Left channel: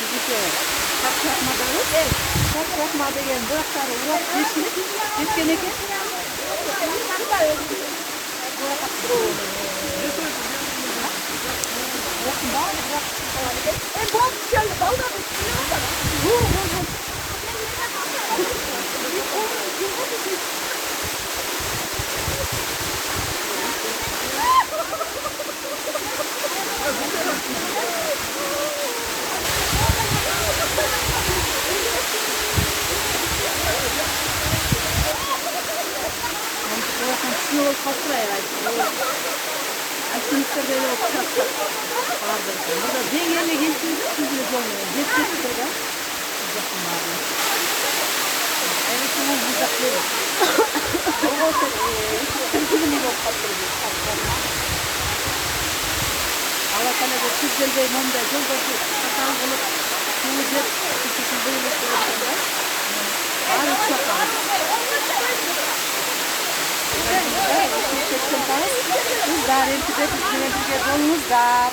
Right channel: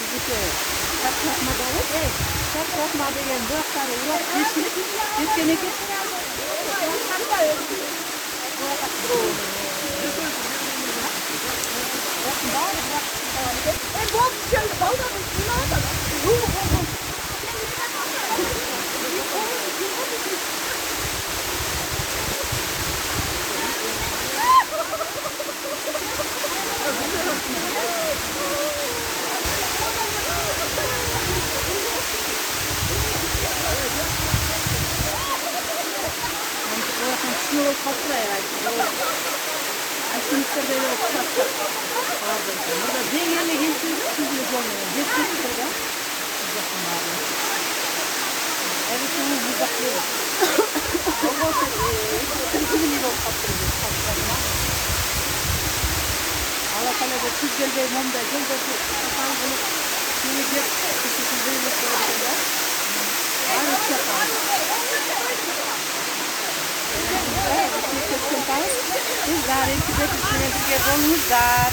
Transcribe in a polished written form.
Bizdeki çarpışmaları, çarpışma degan buyoqlari uloq yetgan ekan. Buyoqdan yol qaltirayveradi. Alpinistlar böyle otursak vardı. Burada bir yerine geçtiğinde sizin olmuyor. Geçtik burada. Uzakım abi. Evet, bu uzaklığı. O sizin yol kaptırıyor. Allah Teala da güzel bir mumda yolda kapan bulup suyu küçük böyle sorunlar. Var uçaklar. Kızlar, eskide düşünüldüğü olmuşlar.